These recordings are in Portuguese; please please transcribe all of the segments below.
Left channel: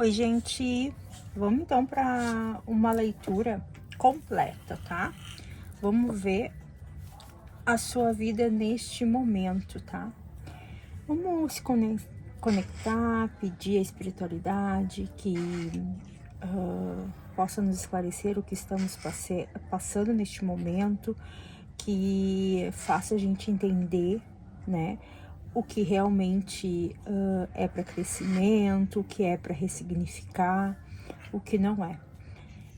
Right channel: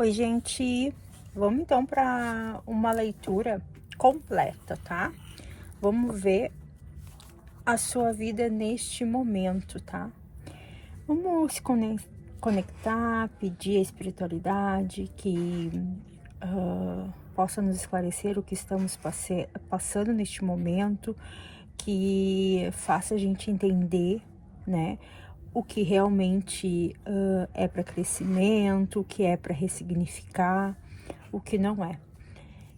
Oi, gente, vamos então para uma leitura completa, tá? Vamos ver a sua vida neste momento, tá? Vamos se conectar, pedir a espiritualidade que possa nos esclarecer o que estamos passando neste momento, que faça a gente entender, né? O que realmente é para crescimento, o que é para ressignificar, o que não é.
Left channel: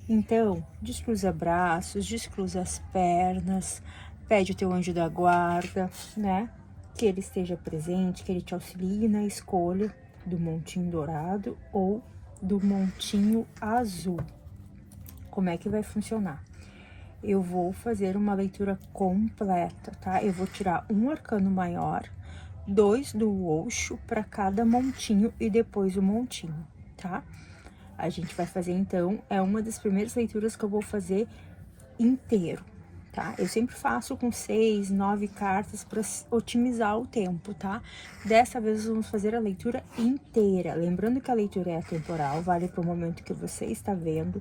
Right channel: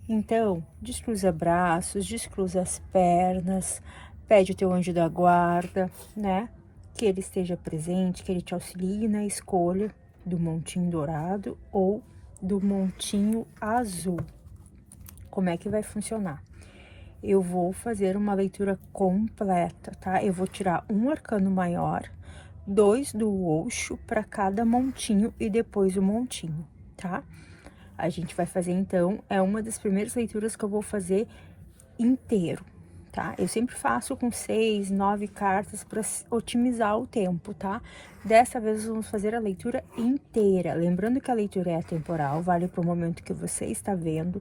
Então, descruza braços, descruza as pernas, pede o teu anjo da guarda, né? Que ele esteja presente, que ele te auxilie na escolha do montinho dourado ou do montinho azul. Como é que vai funcionar? Eu vou fazer uma leitura completa, tá? Eu vou tirar um arcano maior, 2 do Osho para cada montinho e depois o montinho, tá? A gente vai fazer então, é uma das primeiras leituras que eu vou fazer inteiro, tá? Eu sempre faço com 6, 9 cartas para otimizar o tempo, tá? Dessa vez vamos fazer a leitura inteira. Lembrando que a leitura é atemporal, vale para o momento que você está vendo,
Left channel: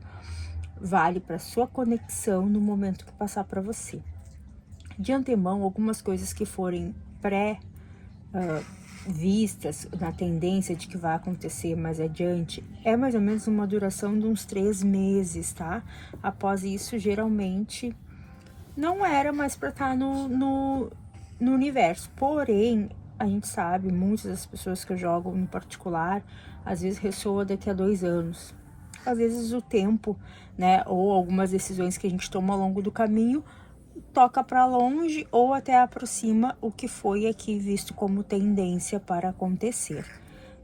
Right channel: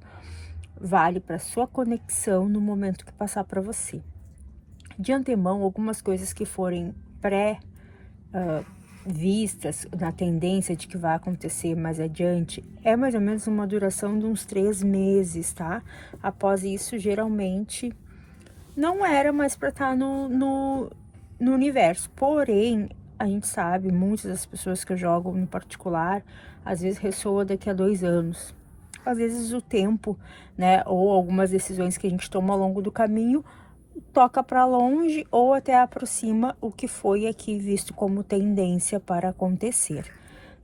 vale para sua conexão no momento que passar para você. De antemão, algumas coisas que forem vistas na tendência de que vai acontecer mais adiante, é mais ou menos uma duração de uns 3 meses, tá? Após isso, geralmente, não era mais para estar no universo. Porém, a gente sabe, muitas das pessoas que jogam no particular, às vezes ressoa daqui a 2 anos. Às vezes o tempo, né, ou algumas decisões que a gente toma ao longo do caminho, toca para longe ou até aproxima o que foi aqui visto como tendência para acontecer,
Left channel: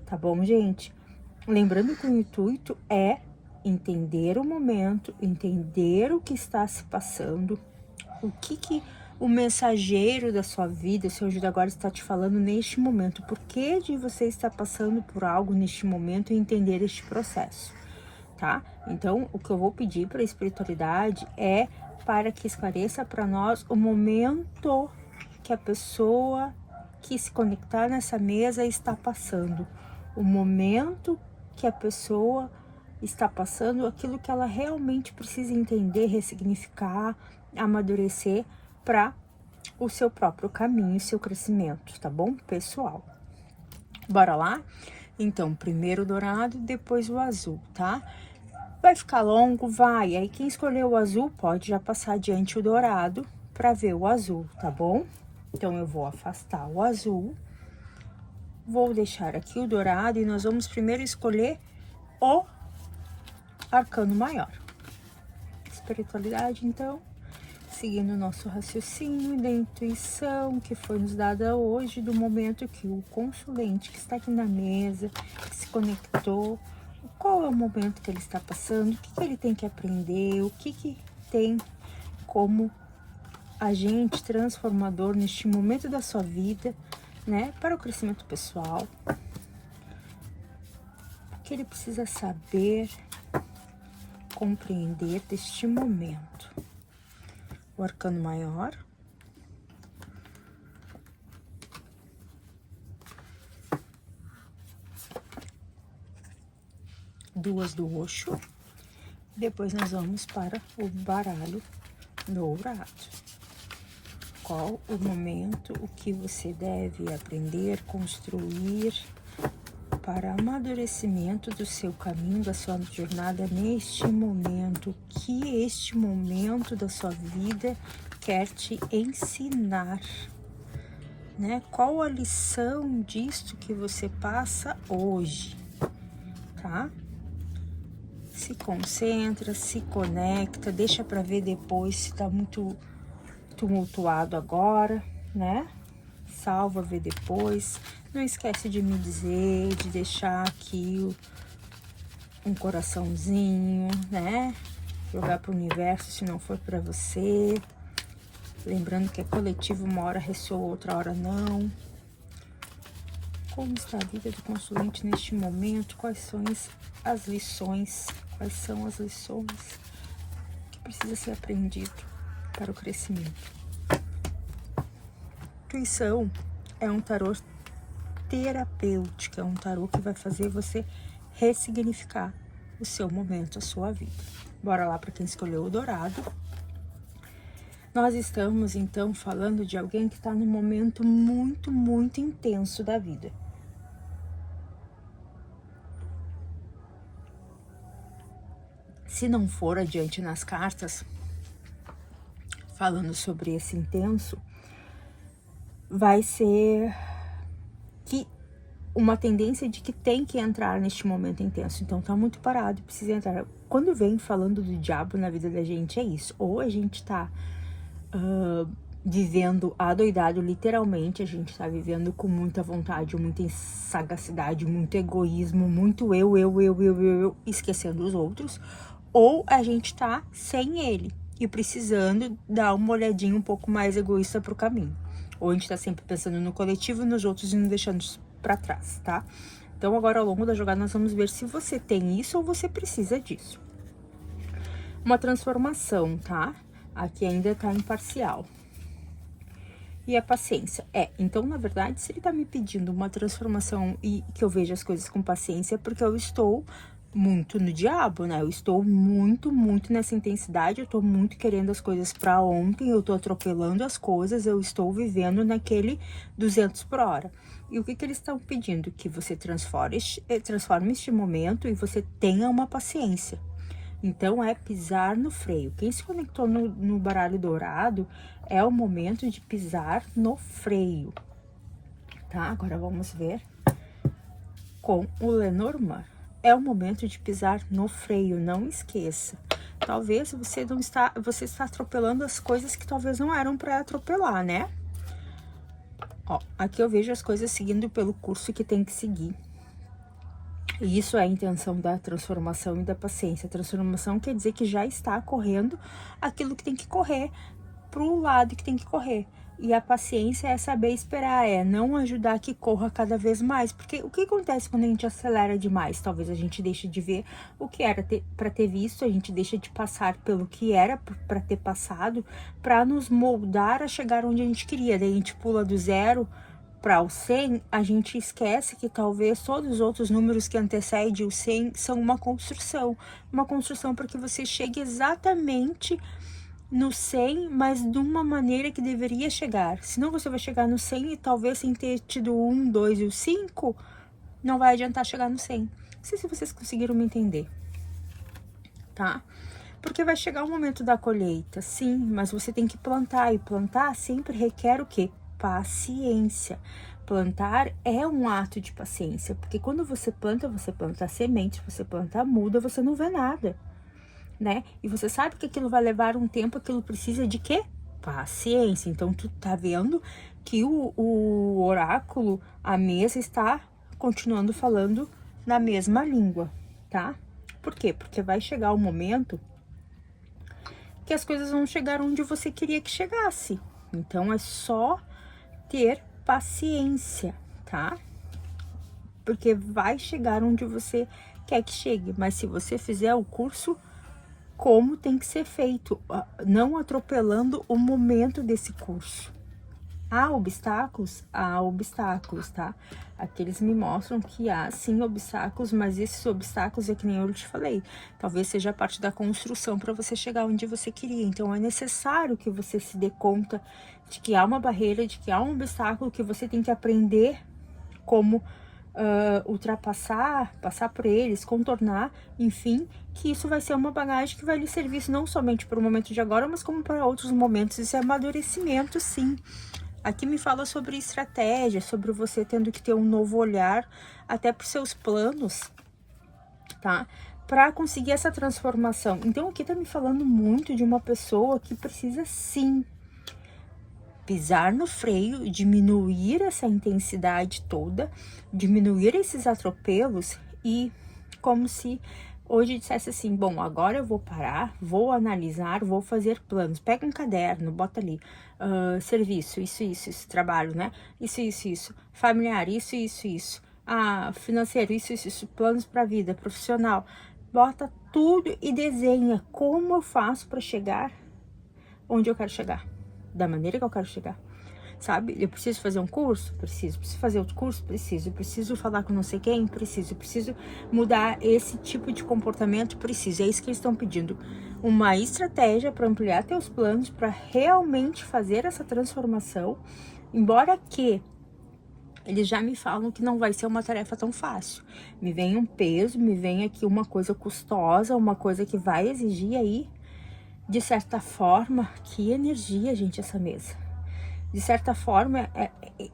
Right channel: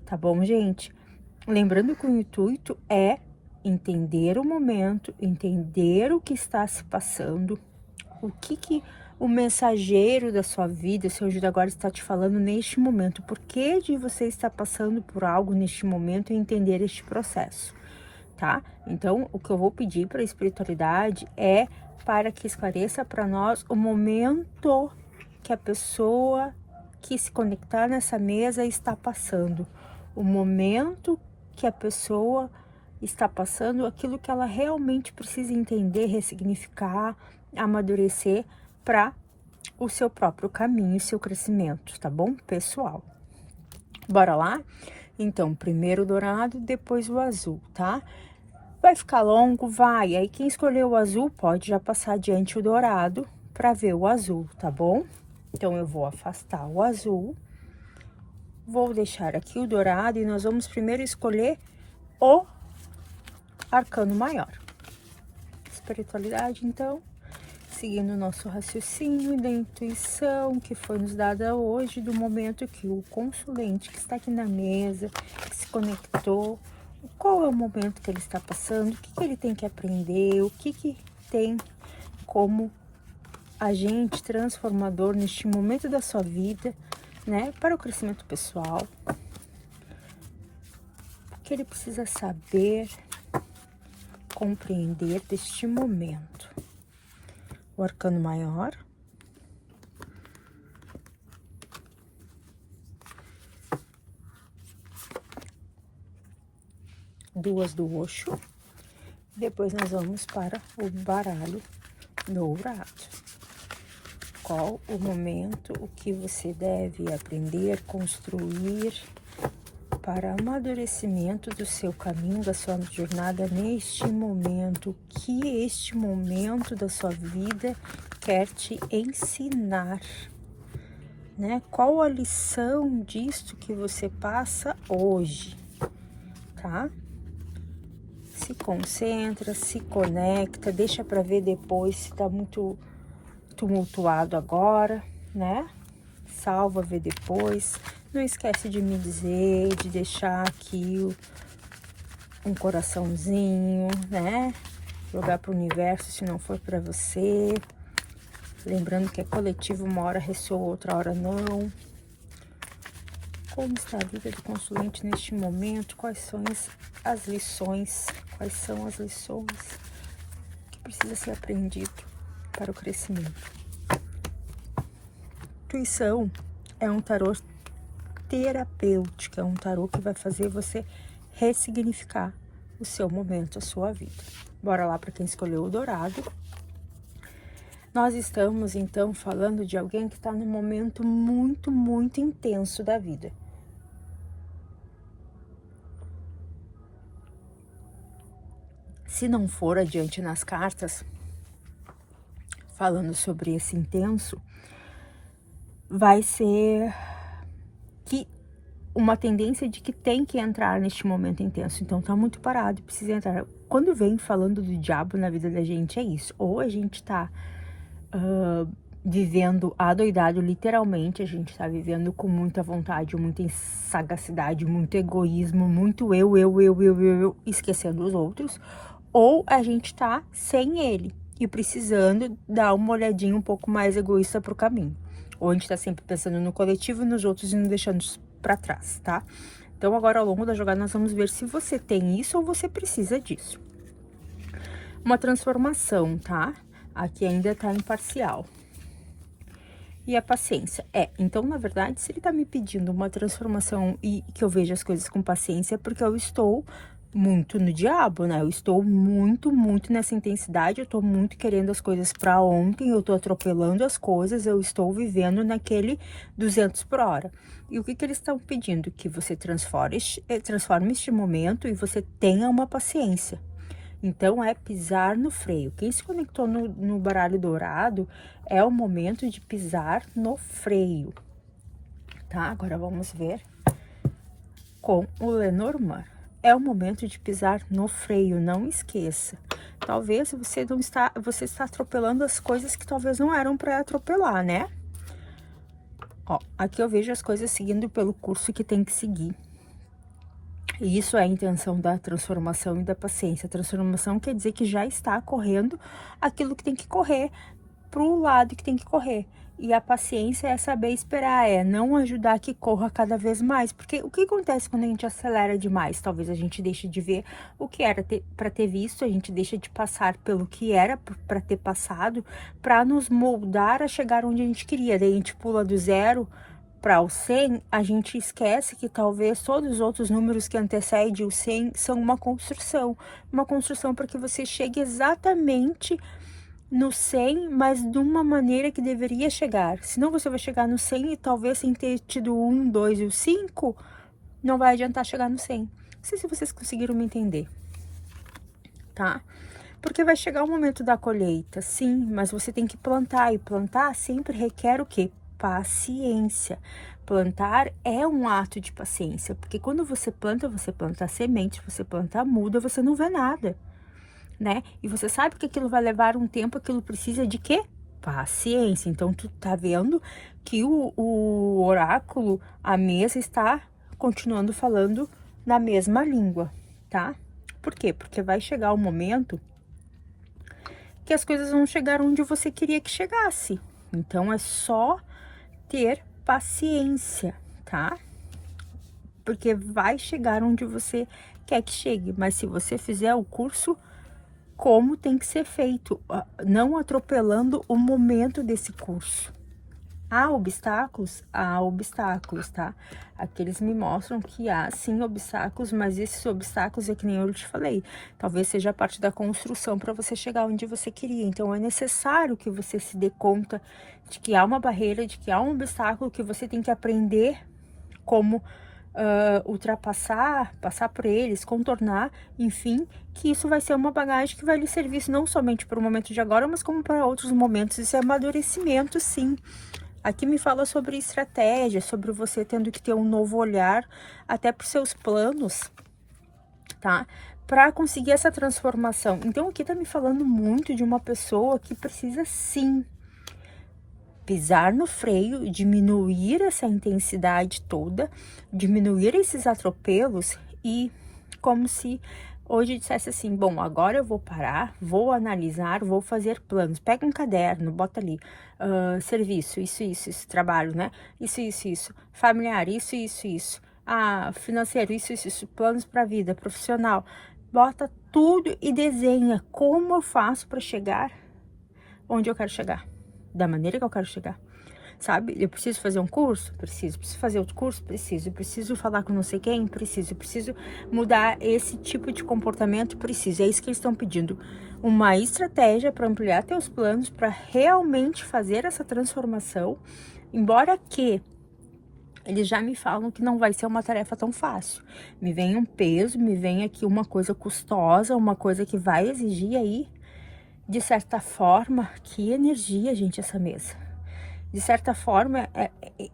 tá bom, gente? Lembrando que o intuito é entender o momento, entender o que está se passando, o que o mensageiro da sua vida, seu anjo agora está te falando neste momento, por que de você estar passando por algo neste momento e entender este processo, tá? Então, o que eu vou pedir para a espiritualidade é para que esclareça para nós o momento que a pessoa que se conectar nessa mesa está passando, o momento que a pessoa está passando, aquilo que ela realmente precisa entender, ressignificar, amadurecer para o seu próprio caminho, seu crescimento, tá bom, pessoal? Bora lá? Então, primeiro o dourado, depois o azul, tá? Vai ficar longo? Vai. Aí quem escolheu o azul pode já passar adiante o dourado para ver o azul, tá bom? Então, eu vou afastar o azul. Vou deixar aqui o dourado e nós vamos primeiro escolher o arcano maior. Espiritualidade, então, seguindo o nosso raciocínio da intuição que foi nos dada hoje, do momento que o consulente que está aqui na mesa, que se conectou, qual é o momento que ele está passando, o que ele tem que aprender, o que tem como agente transformador neste momento da sua vida, né, para o crescimento pessoal, o que ele precisa saber, compreender deste momento. O arcano maior, duas do Osho, depois nós vamos para o baralho dourado. Qual o momento, o que você deve aprender, construir para amadurecimento do seu caminho, da sua jornada neste momento, o que este momento da sua vida quer te ensinar, né? Qual a lição disto que você passa hoje, tá? Se concentra, se conecta, deixa para ver depois se tá muito tumultuado agora, né? Salva, vê depois. Não esquece de me dizer, de deixar aqui um coraçãozinho, né? Jogar pro universo se não for para você. Lembrando que é coletivo, uma hora ressoa, outra hora não. Como está a vida do consulente neste momento? Quais são as lições? Quais são as lições que precisa ser aprendido para o crescimento? Intuição é um tarô terapêutico, é um tarô que vai fazer você ressignificar o seu momento, a sua vida. Bora lá para quem escolheu o dourado. Nós estamos, então, falando de alguém que está num momento muito, muito intenso da vida. Se não for adiante nas cartas, falando sobre esse intenso, vai ser que uma tendência de que tem que entrar neste momento intenso. Então tá muito parado, precisa entrar. Quando vem falando do diabo na vida da gente, é isso. Ou a gente tá vivendo adoidado, literalmente, a gente tá vivendo com muita vontade, muita sagacidade, muito egoísmo, muito eu, esquecendo os outros. Ou a gente tá sem ele e precisando dar uma olhadinha um pouco mais egoísta pro caminho. Ou a gente tá sempre pensando no coletivo e nos outros e não deixando para trás, tá? Então agora ao longo da jogada nós vamos ver se você tem isso ou você precisa disso. Uma transformação, tá? Aqui ainda tá imparcial. E a paciência. Então na verdade, se ele tá me pedindo uma transformação e que eu veja as coisas com paciência, é porque eu estou muito no diabo, né? Eu estou muito, muito nessa intensidade, eu tô muito querendo as coisas para ontem, eu tô atropelando as coisas, eu estou vivendo naquele 200 por hora. E o que eles estão pedindo? Que você transforme este momento e você tenha uma paciência. Então, é pisar no freio. Quem se conectou no baralho dourado é o momento de pisar no freio. Tá? Agora vamos ver com o Lenormand. É o momento de pisar no freio, não esqueça. Talvez você está atropelando as coisas que talvez não eram para atropelar, né? Ó, aqui eu vejo as coisas seguindo pelo curso que tem que seguir. E isso é a intenção da transformação e da paciência. A transformação quer dizer que já está correndo aquilo que tem que correr pro lado que tem que correr. E a paciência é saber esperar, é não ajudar que corra cada vez mais. Porque o que acontece quando a gente acelera demais? Talvez a gente deixe de ver o que era para ter visto, a gente deixa de passar pelo que era para ter passado, para nos moldar a chegar onde a gente queria. Daí a gente pula do 0 para o 100, a gente esquece que talvez todos os outros números que antecedem o 100 são uma construção para que você chegue exatamente no 100, mas de uma maneira que deveria chegar. Senão você vai chegar no 100 e talvez sem ter tido o 1, 2 e o 5, não vai adiantar chegar no 100. Não sei se vocês conseguiram me entender, tá? Porque vai chegar o momento da colheita, sim, mas você tem que plantar, e plantar sempre requer o quê? Paciência. Plantar é um ato de paciência, porque quando você planta semente, você planta muda, você não vê nada, né? E você sabe que aquilo vai levar um tempo, aquilo precisa de quê? Paciência. Então, tu tá vendo que o oráculo, a mesa está continuando falando na mesma língua, tá? Por quê? Porque vai chegar o momento que as coisas vão chegar onde você queria que chegasse. Então, é só ter paciência, tá? Porque vai chegar onde você quer que chegue, mas se você fizer o curso como tem que ser feito, não atropelando o momento desse curso. Há obstáculos? Há obstáculos, tá? Aqueles me mostram que há sim obstáculos, mas esses obstáculos é que nem eu te falei, talvez seja parte da construção para você chegar onde você queria. Então é necessário que você se dê conta de que há uma barreira, de que há um obstáculo, que você tem que aprender como ultrapassar, passar por eles, contornar, enfim, que isso vai ser uma bagagem que vai lhe servir não somente para o momento de agora, mas como para outros momentos. Isso é amadurecimento, sim. Aqui me fala sobre estratégia, sobre você tendo que ter um novo olhar até para os seus planos, tá? Para conseguir essa transformação. Então, aqui tá me falando muito de uma pessoa que precisa, sim, pisar no freio, diminuir essa intensidade toda, diminuir esses atropelos e como se hoje dissesse assim, bom, agora eu vou parar, vou analisar, vou fazer planos. Pega um caderno, bota ali, serviço, isso, trabalho, né? Isso, familiar, isso, financeiro, isso, planos para vida, profissional. Bota tudo e desenha como eu faço para chegar onde eu quero chegar, da maneira que eu quero chegar. sabe? Eu preciso fazer um curso? Preciso. Preciso fazer outro curso? Preciso. Preciso falar com não sei quem? Preciso. Preciso mudar esse tipo de comportamento? Preciso. É isso que eles estão pedindo. Uma estratégia para ampliar teus planos, para realmente fazer essa transformação, embora que eles já me falam que não vai ser uma tarefa tão fácil. Me vem um peso, me vem aqui uma coisa custosa, uma coisa que vai exigir aí, de certa forma, que energia, gente, essa mesa. De certa forma,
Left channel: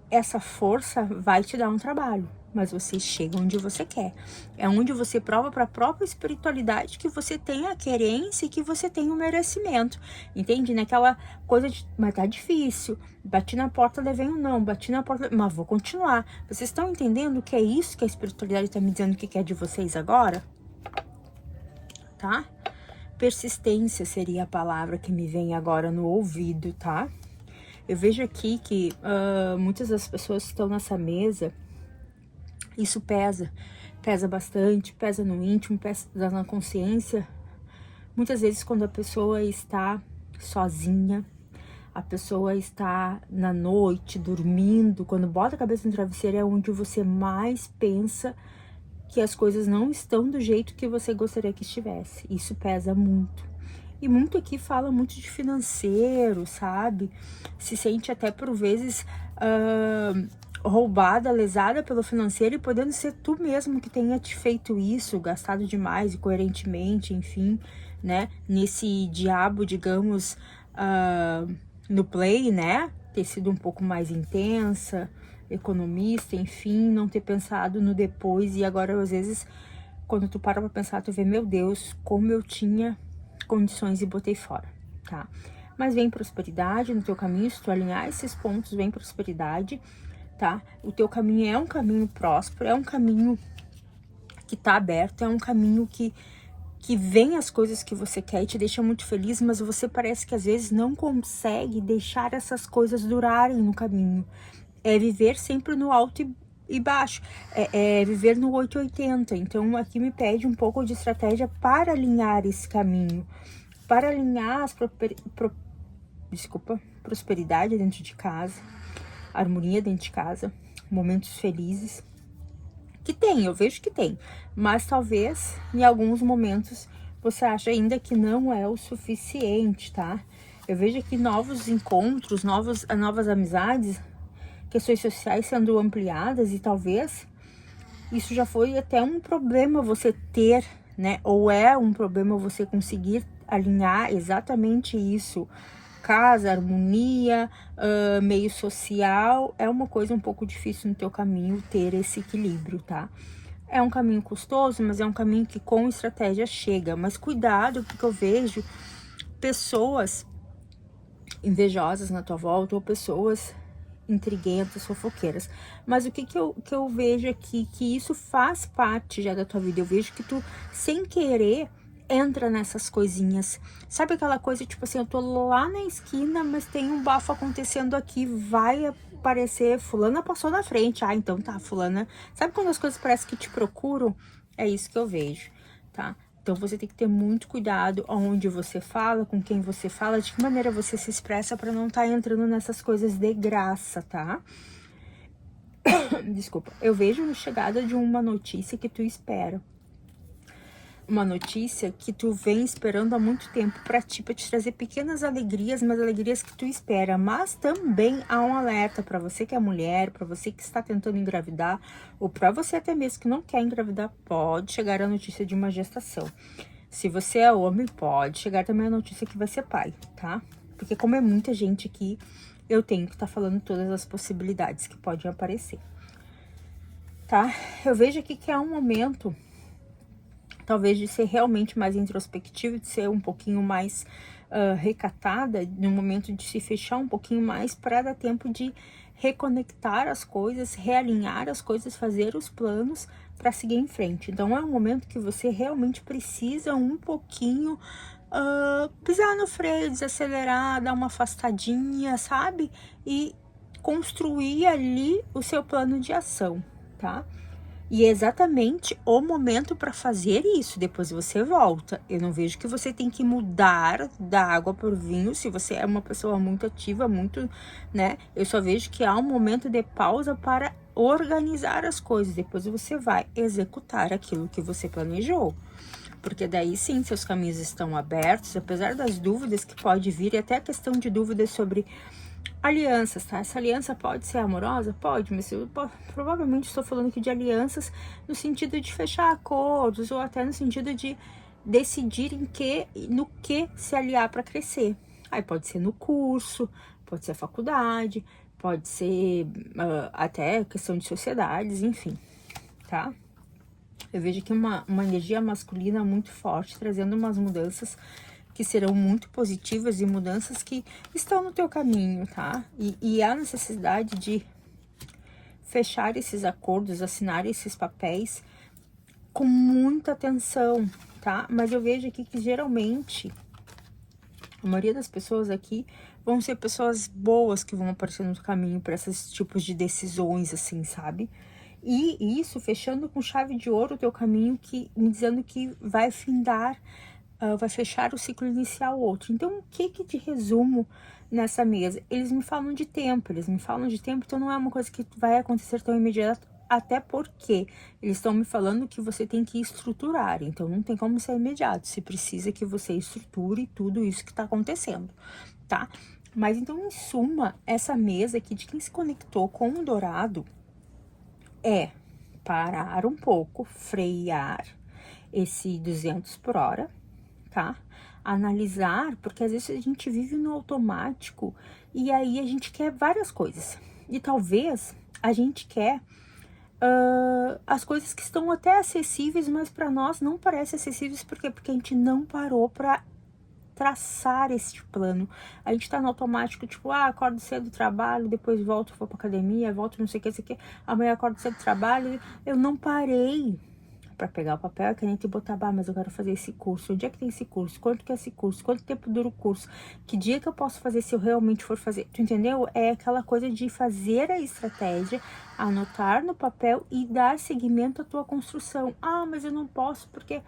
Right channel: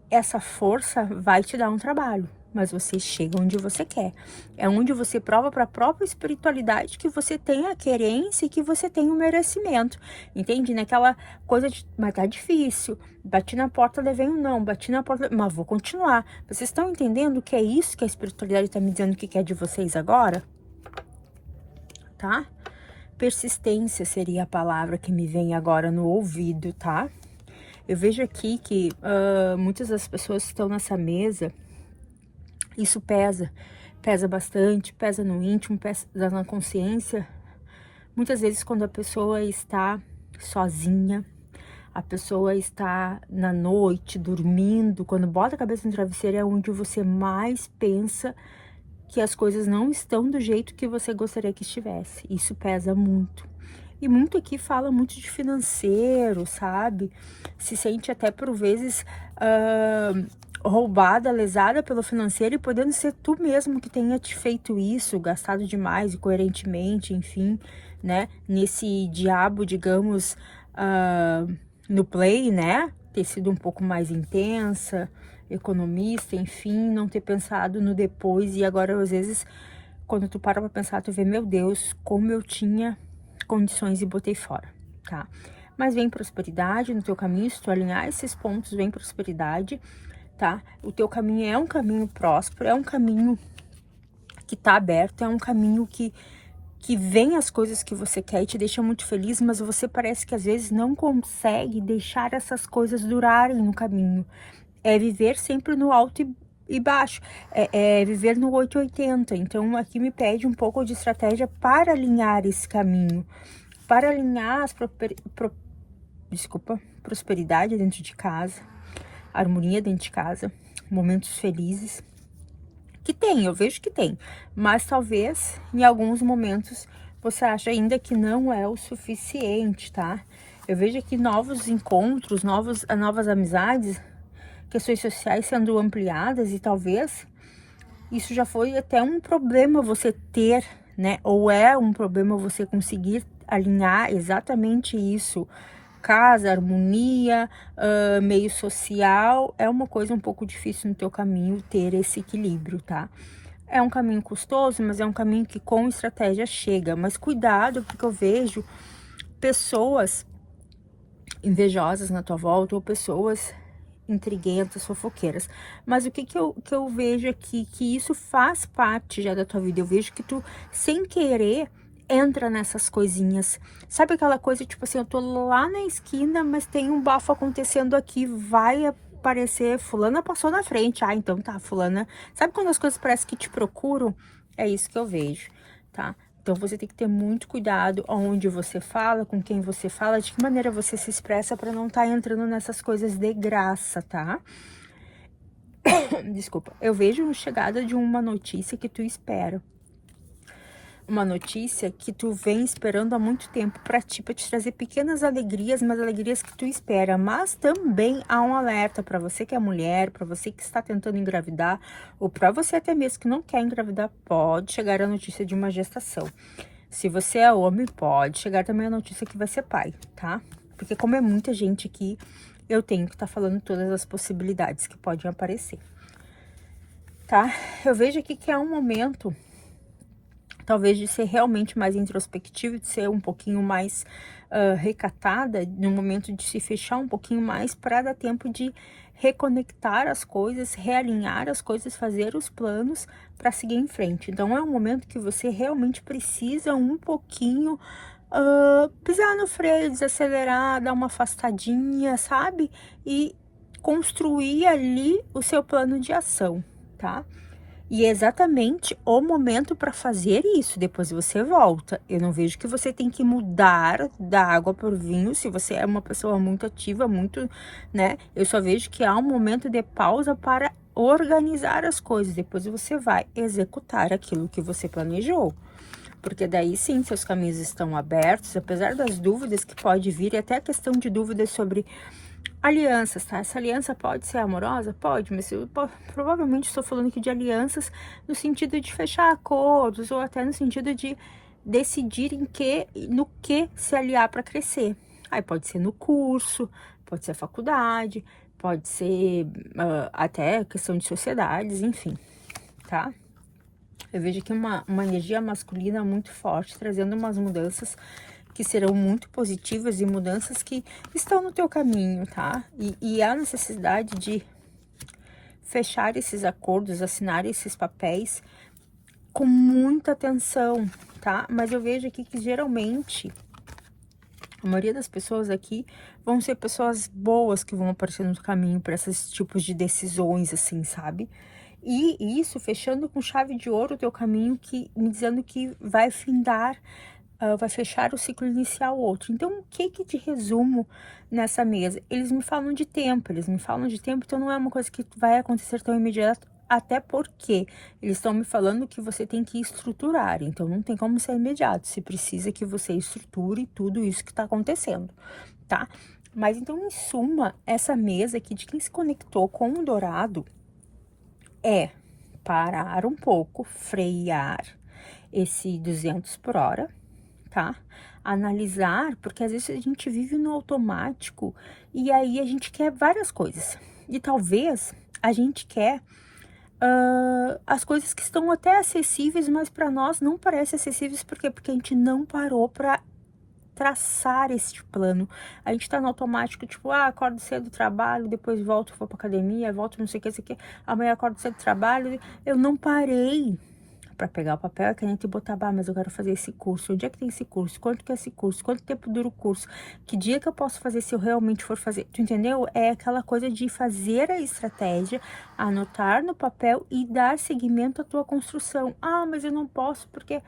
essa força vai te dar um trabalho, mas você chega onde você quer. É onde você prova para a própria espiritualidade que você tem a querência e que você tem o merecimento. Entende? Naquela coisa de, mas tá difícil. Bati na porta, levei um não. Bati na porta, mas vou continuar. Vocês estão entendendo que é isso que a espiritualidade está me dizendo que quer de vocês agora? Tá? Persistência seria a palavra que me vem agora no ouvido, tá? Eu vejo aqui que muitas das pessoas que estão nessa mesa, isso pesa bastante, pesa no íntimo, pesa na consciência. Muitas vezes quando a pessoa está sozinha, a pessoa está na noite, dormindo, quando bota a cabeça no travesseiro é onde você mais pensa que as coisas não estão do jeito que você gostaria que estivesse. Isso pesa muito. E muito aqui fala muito de financeiro, sabe? Se sente até por vezes roubada, lesada pelo financeiro e podendo ser tu mesmo que tenha te feito isso, gastado demais e coerentemente, enfim, né? Nesse diabo, digamos, no play, né? Ter sido um pouco mais intensa, economista, enfim, não ter pensado no depois e agora às vezes quando tu para pra pensar, tu vê, meu Deus, como eu tinha condições e botei fora, tá? Mas vem prosperidade no teu caminho, se tu alinhar esses pontos, vem prosperidade, tá? O teu caminho é um caminho próspero, é um caminho que tá aberto, é um caminho que vem as coisas que você quer e te deixa muito feliz, mas você parece que às vezes não consegue deixar essas coisas durarem no caminho. É viver sempre no alto e baixo, é viver no 880. Então aqui me pede um pouco de estratégia para alinhar esse caminho, para alinhar as prosperidade dentro de casa, harmonia dentro de casa, momentos felizes, que tem, eu vejo que tem, mas talvez em alguns momentos você acha ainda que não é o suficiente, tá? Eu vejo aqui novos encontros, novas amizades, questões sociais sendo ampliadas e talvez isso já foi até um problema você ter, né? Ou é um problema você conseguir alinhar exatamente isso. Casa, harmonia, meio social, é uma coisa um pouco difícil no teu caminho ter esse equilíbrio, tá? É um caminho custoso, mas é um caminho que com estratégia chega. Mas cuidado, porque eu vejo pessoas invejosas na tua volta ou pessoas intriguentas, fofoqueiras. Mas o que eu vejo aqui, que isso faz parte já da tua vida. Eu vejo que tu, sem querer, entra nessas coisinhas. Sabe aquela coisa, tipo assim, eu tô lá na esquina, mas tem um bafo acontecendo aqui, vai aparecer, fulana passou na frente. Ah, então tá, fulana. Sabe quando as coisas parecem que te procuram? É isso que eu vejo, tá? Então você tem que ter muito cuidado onde você fala, com quem você fala, de que maneira você se expressa para não estar entrando nessas coisas de graça, tá? Desculpa. Eu vejo a chegada de uma notícia que tu espera. Uma notícia que tu vem esperando há muito tempo para ti, para te trazer pequenas alegrias, mas alegrias que tu espera. Mas também há um alerta para você que é mulher, para você que está tentando engravidar, ou para você até mesmo que não quer engravidar, pode chegar a notícia de uma gestação. Se você é homem, pode chegar também a notícia que vai ser pai, tá? Porque como é muita gente aqui, eu tenho que estar falando todas as possibilidades que podem aparecer, tá? Eu vejo aqui que é um momento talvez de ser realmente mais introspectivo, de ser um pouquinho mais recatada, no momento de se fechar um pouquinho mais para dar tempo de reconectar as coisas, realinhar as coisas, fazer os planos para seguir em frente. Então é um momento que você realmente precisa um pouquinho pisar no freio, desacelerar, dar uma afastadinha, sabe? E construir ali o seu plano de ação, tá? E é exatamente o momento para fazer isso. Depois você volta. Eu não vejo que você tem que mudar da água por vinho se você é uma pessoa muito ativa, muito, né? Eu só vejo que há um momento de pausa para organizar as coisas. Depois você vai executar aquilo que você planejou. Porque daí sim, seus caminhos estão abertos, apesar das dúvidas que pode vir, e até a questão de dúvidas sobre alianças, tá? Essa aliança pode ser amorosa? Pode, mas eu provavelmente estou falando aqui de alianças no sentido de fechar acordos, ou até no sentido de decidir no que se aliar para crescer. Aí pode ser no curso, pode ser a faculdade, pode ser até questão de sociedades, enfim, tá? Eu vejo aqui uma energia masculina muito forte, trazendo umas mudanças que serão muito positivas e mudanças que estão no teu caminho, tá? E há necessidade de fechar esses acordos, assinar esses papéis com muita atenção, tá? Mas eu vejo aqui que geralmente a maioria das pessoas aqui vão ser pessoas boas que vão aparecer no caminho para esses tipos de decisões, assim, sabe? E isso fechando com chave de ouro o teu caminho, que me dizendo que vai findar, vai fechar o ciclo inicial outro. Então, o que de resumo nessa mesa? Eles me falam de tempo, então não é uma coisa que vai acontecer tão imediato, até porque eles estão me falando que você tem que estruturar, então não tem como ser imediato, se precisa que você estruture tudo isso que tá acontecendo, tá? Mas então, em suma, essa mesa aqui de quem se conectou com o dourado é parar um pouco, frear esse 200 por hora, tá? Analisar, porque às vezes a gente vive no automático e aí a gente quer várias coisas. E talvez a gente quer as coisas que estão até acessíveis, mas para nós não parecem acessíveis, por quê? Porque a gente não parou para traçar este plano. A gente tá no automático, tipo, acordo cedo do trabalho, depois volto, vou pra academia, volto não sei o que, amanhã acordo cedo do trabalho. Eu não parei para pegar o papel e caneta e botar, mas eu quero fazer esse curso. Onde é que tem esse curso? Quanto que é esse curso? Quanto tempo dura o curso? Que dia que eu posso fazer se eu realmente for fazer? Tu entendeu? É aquela coisa de fazer a estratégia, anotar no papel e dar seguimento à tua construção. Mas eu não posso porque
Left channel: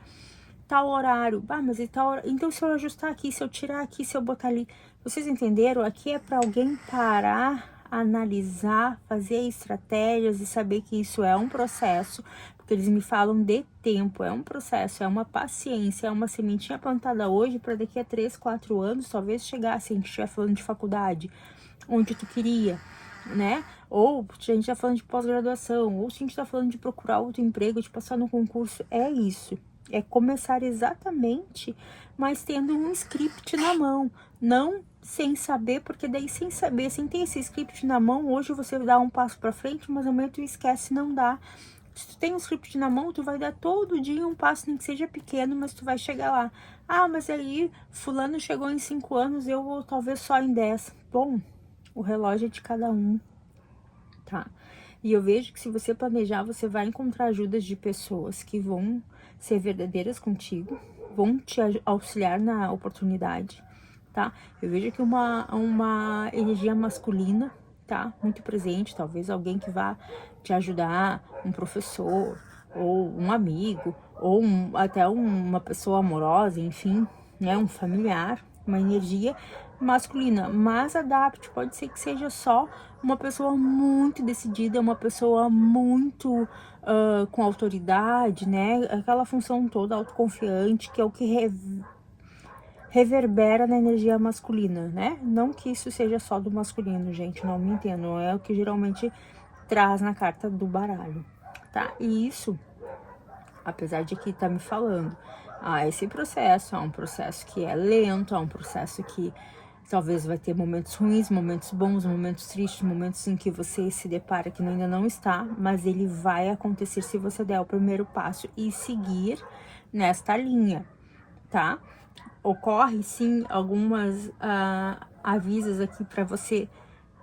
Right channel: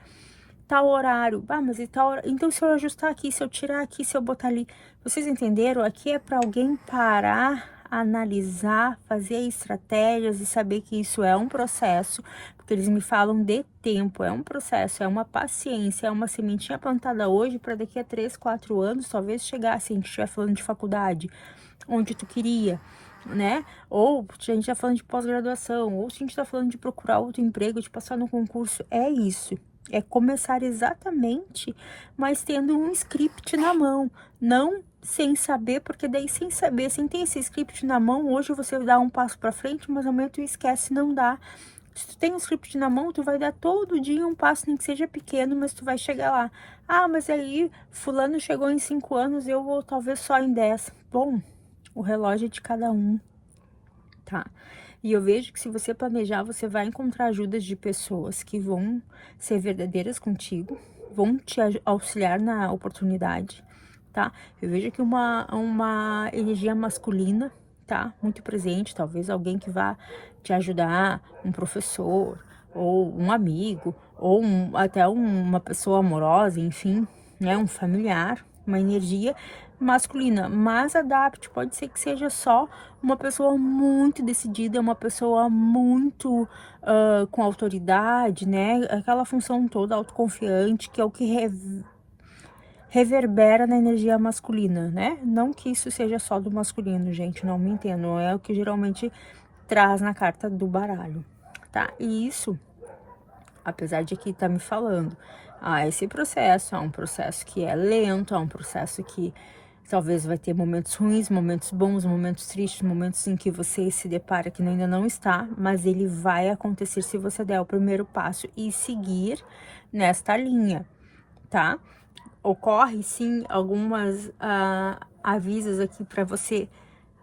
tal horário, mas e tal horário. Então, se eu ajustar aqui, se eu tirar aqui, se eu botar ali, vocês entenderam? Aqui é para alguém parar, analisar, fazer estratégias e saber que isso é um processo, porque eles me falam de tempo, é um processo, é uma paciência, é uma sementinha plantada hoje para daqui a 3, 4 anos, talvez chegar, se a gente estiver falando de faculdade, onde tu queria, né? Ou se a gente tá falando de pós-graduação, ou se a gente tá falando de procurar outro emprego, de passar no concurso, é isso. É começar exatamente, mas tendo um script na mão, não sem saber, porque daí sem saber, sem ter esse script na mão, hoje você dá um passo para frente, mas amanhã tu esquece, não dá. Se tu tem um script na mão, tu vai dar todo dia um passo, nem que seja pequeno, mas tu vai chegar lá. Mas aí fulano chegou em 5 anos, eu vou talvez só em 10. Bom, o relógio é de cada um, tá? E eu vejo que se você planejar, você vai encontrar ajudas de pessoas que vão ser verdadeiras contigo, vão te auxiliar na oportunidade, tá? Eu vejo aqui uma energia masculina, tá? Muito presente, talvez alguém que vá te ajudar, um professor, ou um amigo, ou até uma pessoa amorosa, enfim, né? Um familiar, uma energia masculina, mas adapte, pode ser que seja só uma pessoa muito decidida, uma pessoa muito com autoridade, né? Aquela função toda autoconfiante, que é o que reverbera na energia masculina, né? Não que isso seja só do masculino, gente, não me entendam, é o que geralmente traz na carta do baralho, tá? E isso, apesar de que tá me falando, esse processo é um processo que é lento, é um processo que talvez vai ter momentos ruins, momentos bons, momentos tristes, momentos em que você se depara que ainda não está, mas ele vai acontecer se você der o primeiro passo e seguir nesta linha, tá? Ocorre sim algumas avisos aqui para você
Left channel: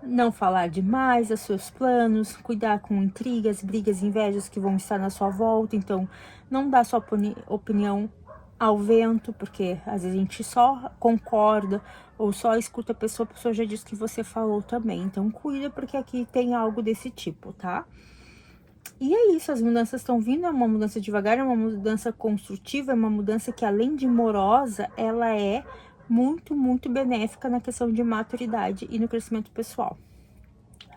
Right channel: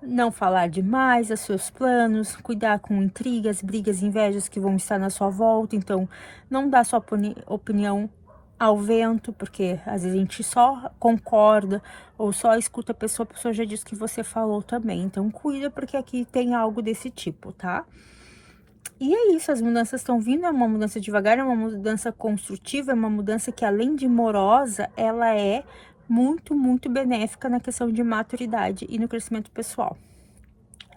não falar demais dos seus planos, cuidar com intrigas, brigas, invejas que vão estar na sua volta. Então, não dá sua opinião ao vento, porque às vezes a gente só concorda ou só escuta a pessoa já diz que você falou também. Então, cuida, porque aqui tem algo desse tipo, tá? E é isso, as mudanças estão vindo, é uma mudança devagar, é uma mudança construtiva, é uma mudança que, além de morosa, ela é muito, muito benéfica na questão de maturidade e no crescimento pessoal.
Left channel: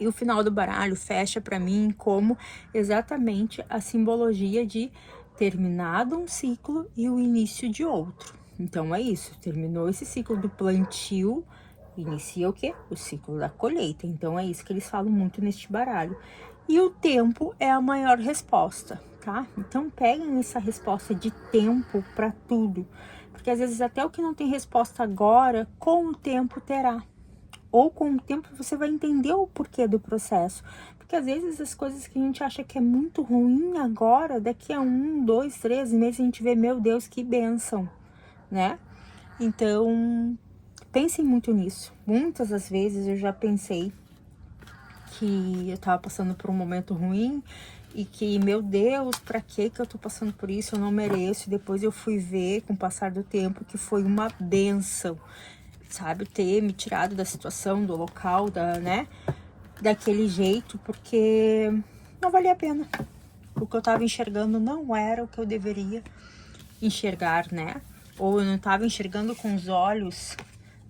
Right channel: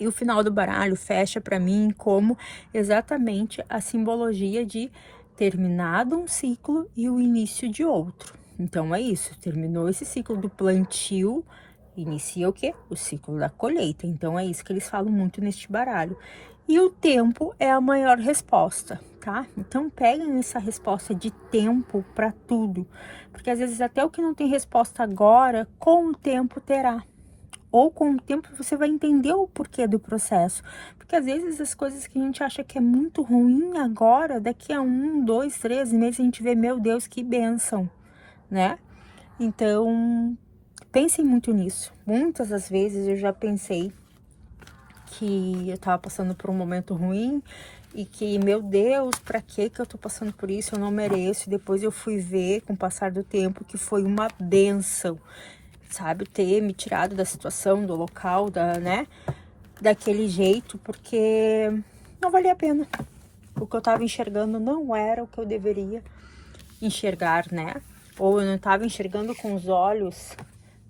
E o final do baralho fecha para mim como exatamente a simbologia de terminado um ciclo e o início de outro. Então é isso, terminou esse ciclo do plantio, inicia o quê? O ciclo da colheita. Então é isso que eles falam muito neste baralho. E o tempo é a maior resposta, tá? Então peguem essa resposta de tempo para tudo, porque às vezes até o que não tem resposta agora, com o tempo terá. Ou com o tempo você vai entender o porquê do processo. Porque às vezes as coisas que a gente acha que é muito ruim agora, daqui a 1, 2, 3 meses a gente vê, meu Deus, que bênção, né? Então, pensem muito nisso. Muitas das vezes eu já pensei que eu tava passando por um momento ruim e que, meu Deus, pra que eu tô passando por isso? Eu não mereço. E depois eu fui ver, com o passar do tempo, que foi uma bênção, sabe? Ter me tirado da situação, do local, né? Daquele jeito, porque não valia a pena. O que eu tava enxergando não era o que eu deveria enxergar, né? Ou eu não tava enxergando com os olhos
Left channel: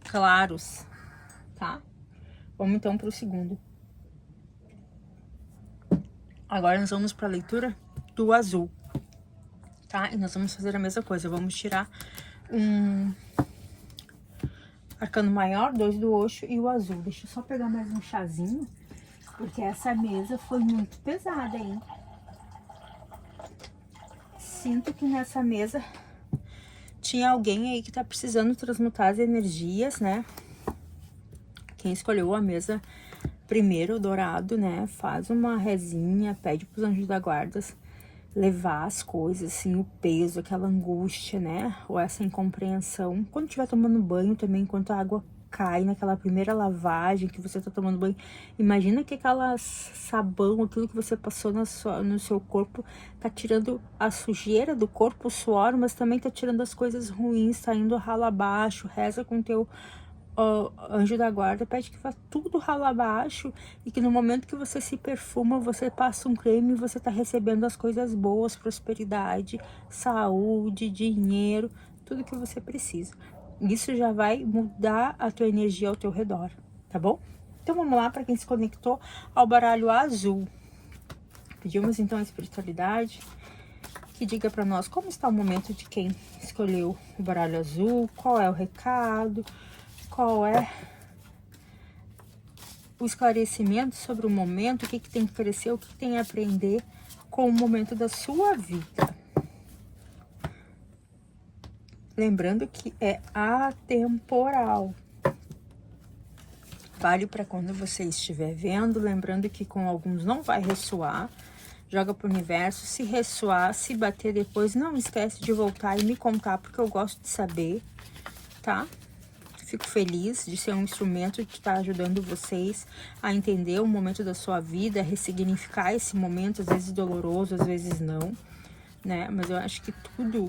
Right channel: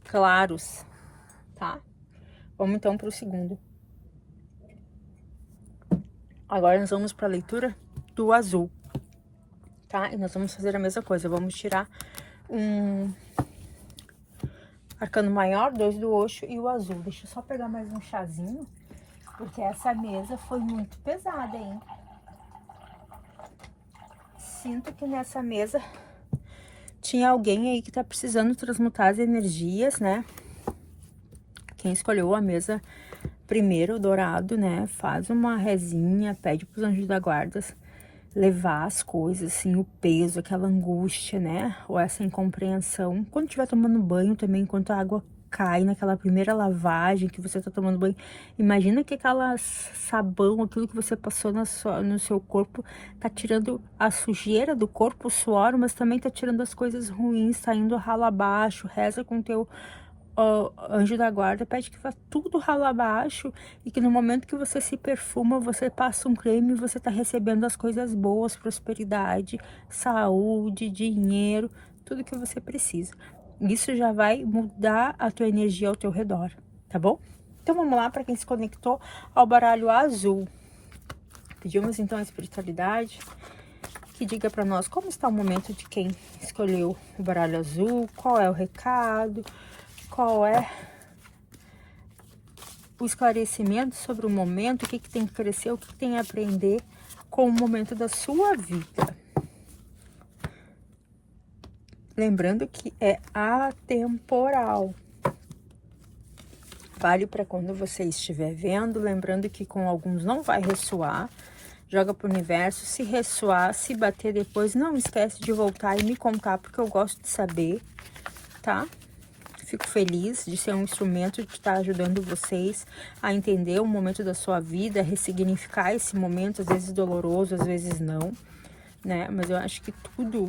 claros, tá? Vamos então pro segundo. Agora nós vamos para a leitura do azul, tá? E nós vamos fazer a mesma coisa, vamos tirar um arcano maior, 2 do Osho e o azul. Deixa eu só pegar mais um chazinho, porque essa mesa foi muito pesada, hein? Sinto que nessa mesa tinha alguém aí que tá precisando transmutar as energias, né? Quem escolheu a mesa primeiro, dourado, né? Faz uma rezinha, pede pros anjos da guarda levar as coisas, assim, o peso, aquela angústia, né? Ou essa incompreensão. Quando estiver tomando banho também, enquanto a água cai naquela primeira lavagem que você tá tomando banho, imagina que aquela sabão, aquilo que você passou no seu corpo, tá tirando a sujeira do corpo, o suor, mas também tá tirando as coisas ruins, tá indo ralo abaixo. Reza com o teu anjo da guarda, pede que vá tudo ralo abaixo e que no momento que você se perfuma, você passa um creme e você tá recebendo as coisas boas, prosperidade, saúde, dinheiro, tudo que você precisa. Isso já vai mudar a tua energia ao teu redor, tá bom? Então vamos lá para quem se conectou ao baralho azul. Pedimos então a espiritualidade que diga para nós como está o momento de quem escolheu o baralho azul, qual é o recado, qual é o esclarecimento sobre o momento, o que tem que crescer, o que tem a aprender com o momento da sua vida. Lembrando que é atemporal. Vale para quando você estiver vendo, lembrando que com alguns não vai ressoar. Joga pro universo, se ressoar, se bater depois, não esquece de voltar e me contar, porque eu gosto de saber, tá? Fico feliz de ser um instrumento que está ajudando vocês a entender o momento da sua vida, ressignificar esse momento, às vezes doloroso, às vezes não, né? Mas eu acho que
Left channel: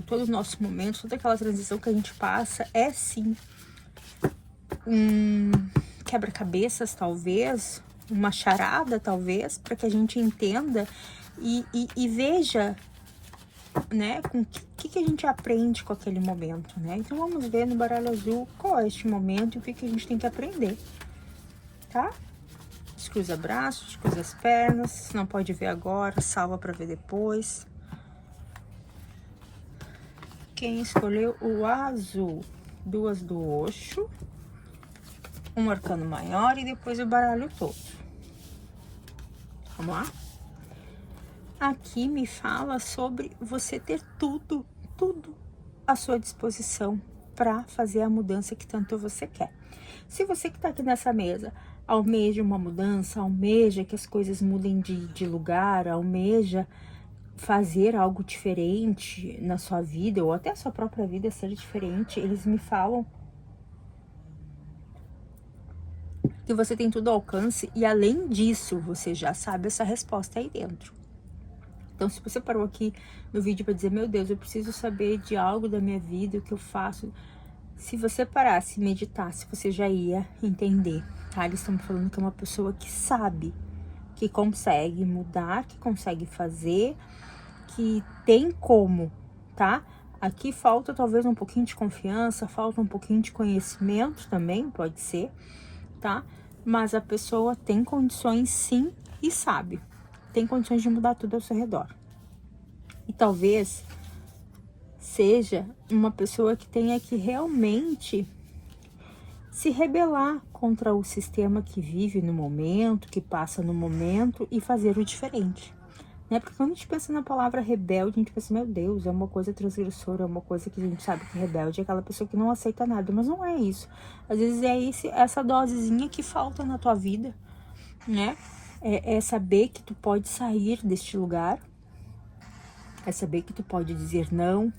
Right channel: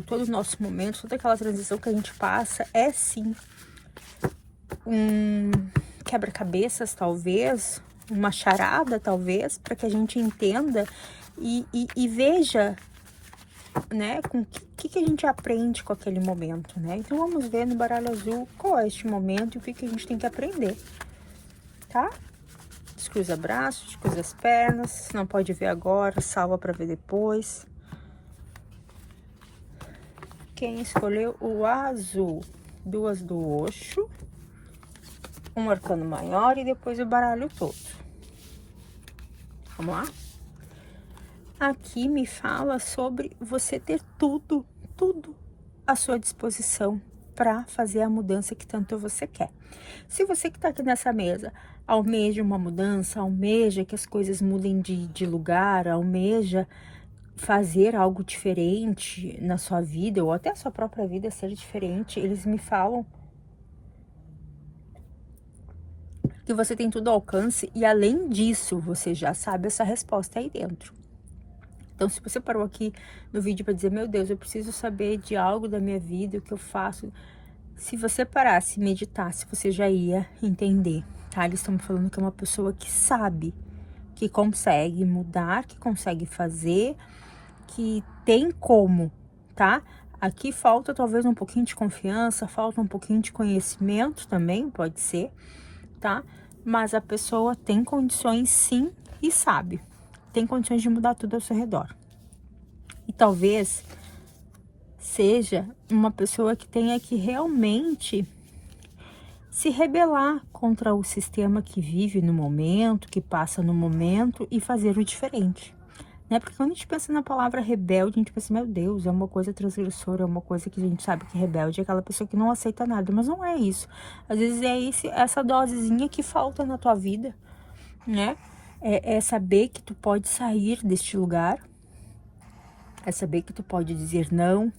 todo o nosso momento, toda aquela transição que a gente passa é sim um quebra-cabeças, talvez, uma charada, talvez, para que a gente entenda e veja, né, com o que a gente aprende com aquele momento, né? Então vamos ver no baralho azul qual é este momento e o que a gente tem que aprender, tá? Descruza braços, descruza as pernas, não pode ver agora, salva para ver depois. Quem escolheu o azul? 2 do Osho, um arcano maior e depois o baralho todo. Vamos lá? Aqui me fala sobre você ter tudo à sua disposição para fazer a mudança que tanto você quer. Se você que está aqui nessa mesa almeja uma mudança, almeja que as coisas mudem de lugar, almeja fazer algo diferente na sua vida, ou até a sua própria vida ser diferente, eles me falam que você tem tudo ao alcance e, além disso, você já sabe essa resposta aí dentro. Então, se você parou aqui no vídeo para dizer, meu Deus, eu preciso saber de algo da minha vida, o que eu faço, se você parasse e meditasse, você já ia entender, tá? Eles estão me falando que é uma pessoa que sabe que consegue mudar, que consegue fazer, que tem como, tá? Aqui falta talvez um pouquinho de confiança, falta um pouquinho de conhecimento também, pode ser, tá? Mas a pessoa tem condições sim e sabe. Tem condições de mudar tudo ao seu redor. E talvez seja uma pessoa que tenha que realmente se rebelar contra o sistema que vive no momento, que passa no momento e fazer o diferente. Né? Porque quando a gente pensa na palavra rebelde, a gente pensa, meu Deus, é uma coisa transgressora, é uma coisa que a gente sabe que rebelde é aquela pessoa que não aceita nada, mas não é isso. Às vezes é essa dosezinha que falta na tua vida, né? É saber que tu pode sair deste lugar, é saber que tu pode dizer não,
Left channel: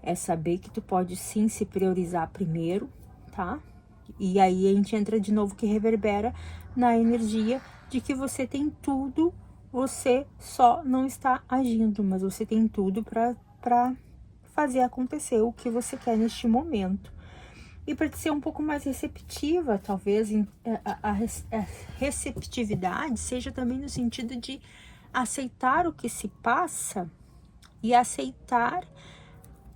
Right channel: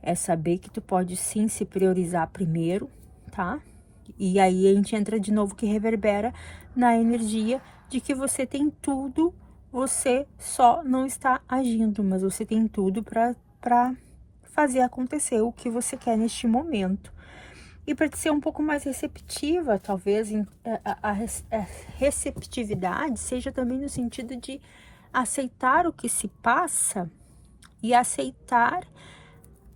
é saber que tu pode sim se priorizar primeiro, tá? E aí a gente entra de novo que reverbera na energia de que você tem tudo, você só não está agindo, mas você tem tudo para fazer acontecer o que você quer neste momento. E para ser um pouco mais receptiva, talvez a receptividade seja também no sentido de aceitar o que se passa e aceitar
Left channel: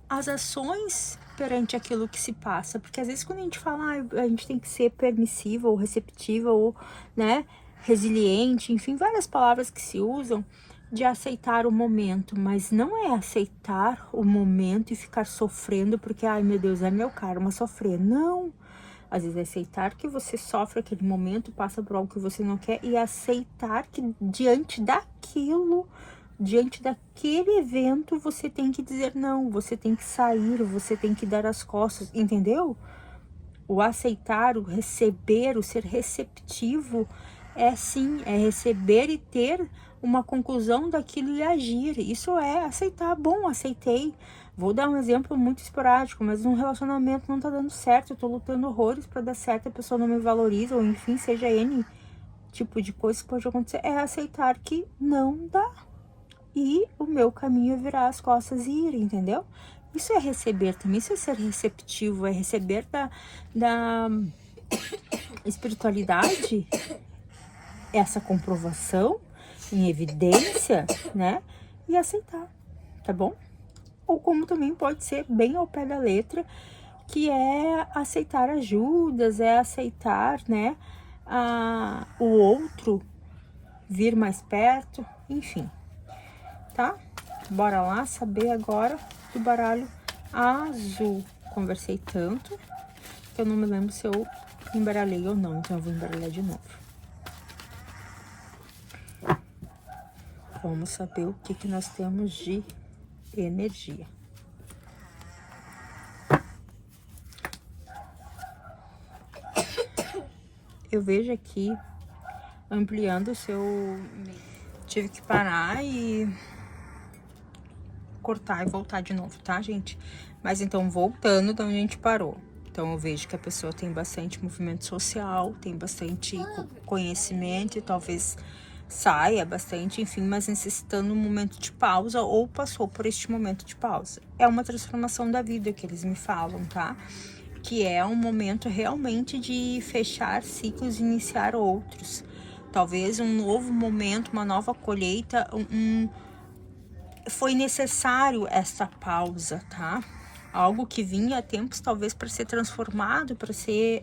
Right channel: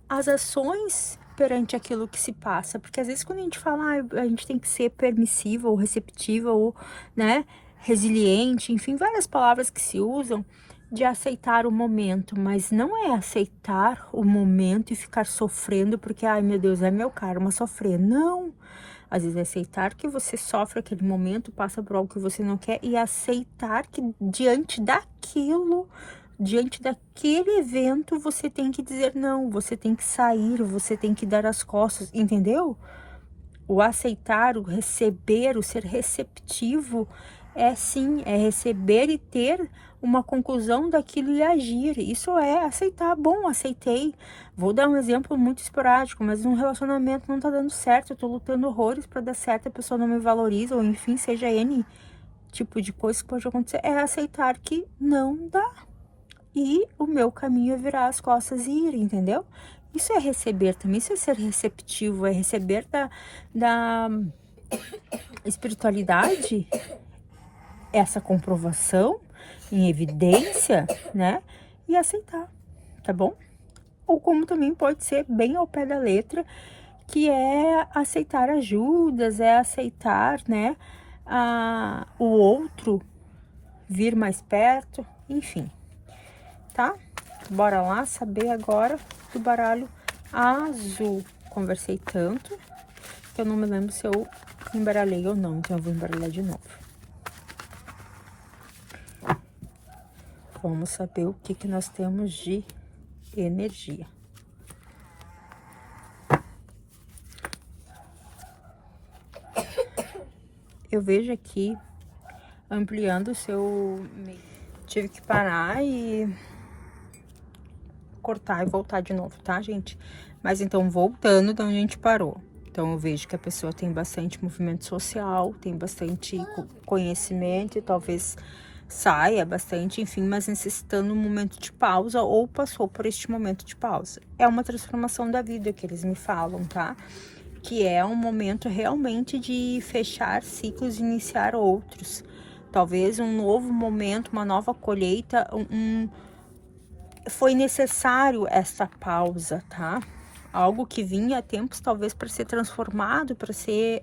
as ações perante aquilo que se passa, porque às vezes quando a gente fala, a gente tem que ser permissiva ou receptiva ou, né, resiliente, enfim, várias palavras que se usam de aceitar o momento, mas não é aceitar o momento e ficar sofrendo porque, ai meu Deus, é meu karma sofrer, não. Às vezes é aceitar que você sofre aquele momento, passa por algo que você não quer e aceitar que diante daquilo, diante daquele evento, você tem que dizer não, você tem que sair, você tem que dar as costas, entendeu? O aceitar, o receber, o ser receptivo é sim, é receber e ter uma conclusão daquilo e agir. Isso é aceitar. Bom, aceitei. Vou dar um exemplo muito esporádico, mas um relacionamento não tá dando certo, eu tô lutando horrores para dar certo, a pessoa não me valoriza, ou enfim, seja N tipo de coisa que pode acontecer. É aceitar que não dá. E o meu caminho é virar as costas e ir, entendeu? Isso é receber também, isso é ser receptivo, é receber da espiritualidade essa comprovação em evidência, né? E aceitar, tá bom? Ou como também pode ser bem ao pé da letra, que é aceitar ajudas, é aceitar, né, o outro vir mais perto, enfim, tá? Bora lá saber agora do baralho azul. Conversei tanto que eu não me lembro se eu embaralhei ou não, então eu vou embaralhar de novo. Vamos saber o que nós temos de energia. Eu vejo aqui ampliando o seu... Tive que parar e cortar e voltar de novo, tá, gente? Mas então, voltando de onde a gente parou. Então, eu vejo que a pessoa tem bastante movimento social, tem bastante conhecimento e talvez saia bastante, enfim, mas necessitando um momento de pausa ou passou por este momento de pausa. É uma transformação da vida que eles me falam, tá? Que é um momento realmente de fechar ciclos e iniciar outros. Talvez um novo momento, uma nova colheita, foi necessário essa pausa, tá? Algo que vinha há tempos talvez para ser transformado, para ser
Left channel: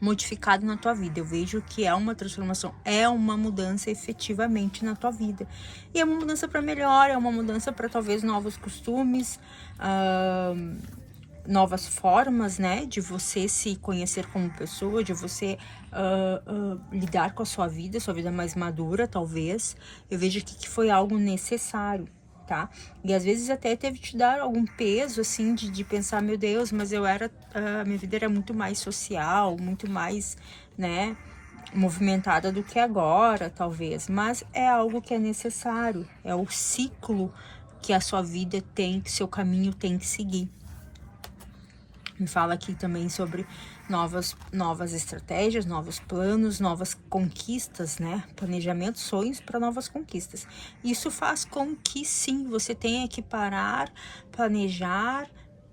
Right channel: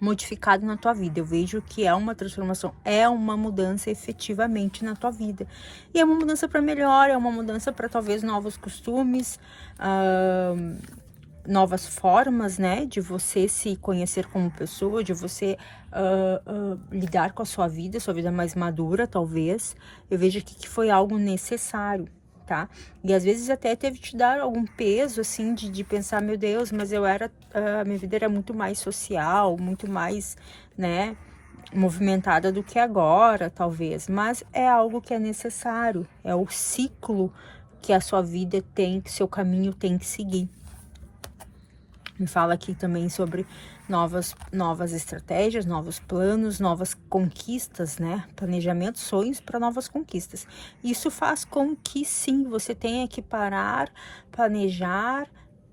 modificado na tua vida. Eu vejo que é uma transformação, é uma mudança efetivamente na tua vida. E é uma mudança para melhor, é uma mudança para talvez novos costumes, novas formas, né, de você se conhecer como pessoa, de você lidar com a sua vida mais madura, talvez. Eu vejo aqui que foi algo necessário, tá? E às vezes até teve que te dar algum peso, assim, de pensar, meu Deus, mas a minha vida era muito mais social, muito mais, né, movimentada do que agora, talvez. Mas é algo que é necessário, é o ciclo que a sua vida tem, que seu caminho tem que seguir. Me fala aqui também sobre novas estratégias, novos planos, novas conquistas, né? Planejamento, sonhos para novas conquistas. Isso faz com que sim, você tenha que parar, planejar,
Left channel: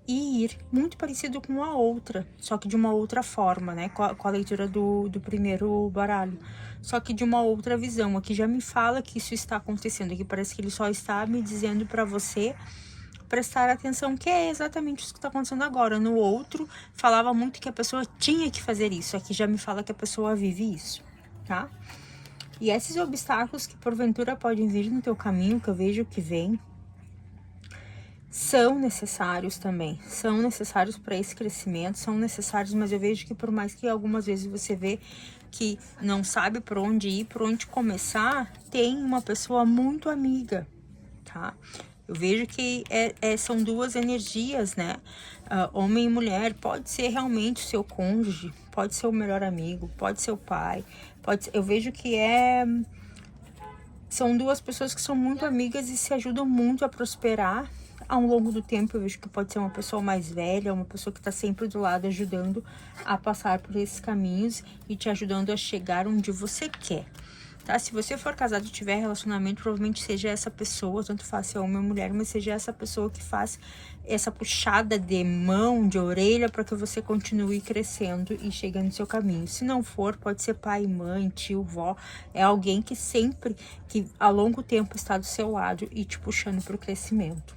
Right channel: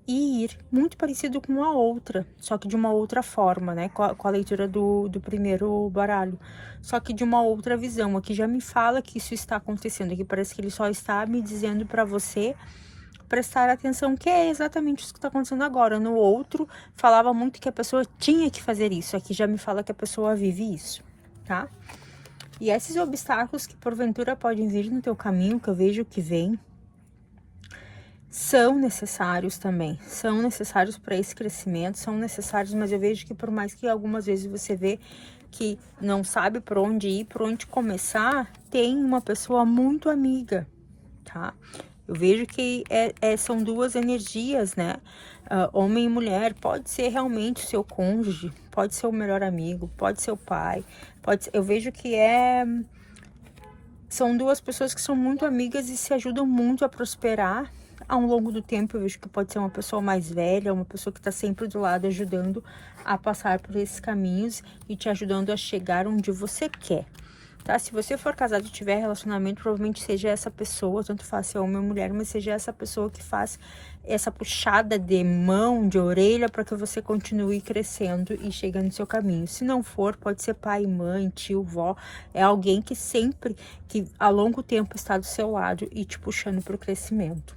e ir, muito parecido com a outra, só que de uma outra forma, né, com a leitura do primeiro baralho, só que de uma outra visão. Aqui já me fala que isso está acontecendo, aqui parece que ele só está me dizendo para você prestar atenção, que é exatamente isso que está acontecendo agora. No outro, falava muito que a pessoa tinha que fazer isso, aqui já me fala que a pessoa vive isso, tá? E esses obstáculos que porventura podem vir no teu caminho, que eu vejo que vem, são necessários também, são necessários para esse crescimento, são necessários, mas eu vejo que por mais que algumas vezes você vê que não sabe por onde ir, por onde começar, tem uma pessoa muito amiga, tá? Eu vejo que são duas energias, né? Homem e mulher, pode ser realmente o seu cônjuge, pode ser o melhor amigo, pode ser o pai, eu vejo que são duas pessoas que são muito amigas e se ajudam muito a prosperar ao longo do tempo. Eu vejo que pode ser uma pessoa mais velha, uma pessoa que está sempre do lado, ajudando a passar por esses caminhos e te ajudando a chegar onde você quer, tá? Se você for casado e tiver relacionamento, provavelmente seja essa pessoa, tanto faz se é homem ou mulher, mas seja essa pessoa que faz essa puxada de mão, de orelha, para que você continue crescendo e chegando no seu caminho. Se não for, pode ser pai, mãe, tio, vó, é alguém que sempre, que a longo tempo está do seu lado e te puxando para o crescimento.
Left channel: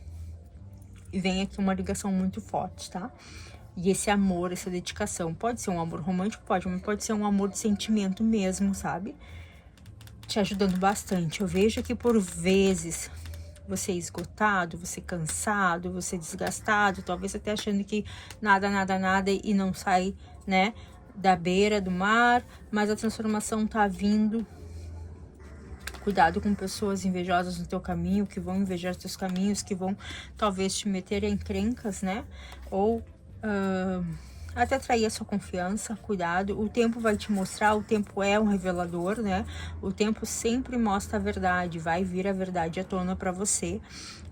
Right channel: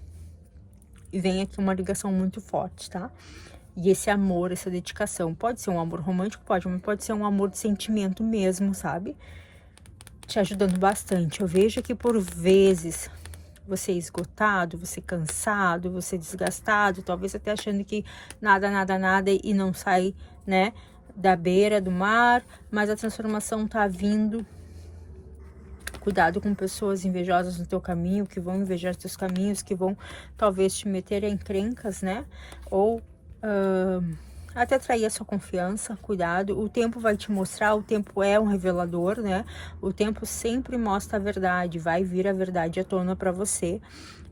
E vem aqui uma ligação muito forte, tá? E esse amor, essa dedicação, pode ser um amor romântico, pode, mas pode ser um amor de sentimento mesmo, sabe? Te ajudando bastante. Eu vejo que por vezes você esgotado, você cansado, você desgastado, talvez até achando que nada e não sai, né, da beira do mar, mas a transformação tá vindo. Cuidado com pessoas invejosas no teu caminho, que vão invejar os teus caminhos, que vão talvez te meter em encrencas, né? Ou até trair a sua confiança. Cuidado, o tempo vai te mostrar, o tempo é um revelador, né? O tempo sempre mostra a verdade, vai vir a verdade à tona para você.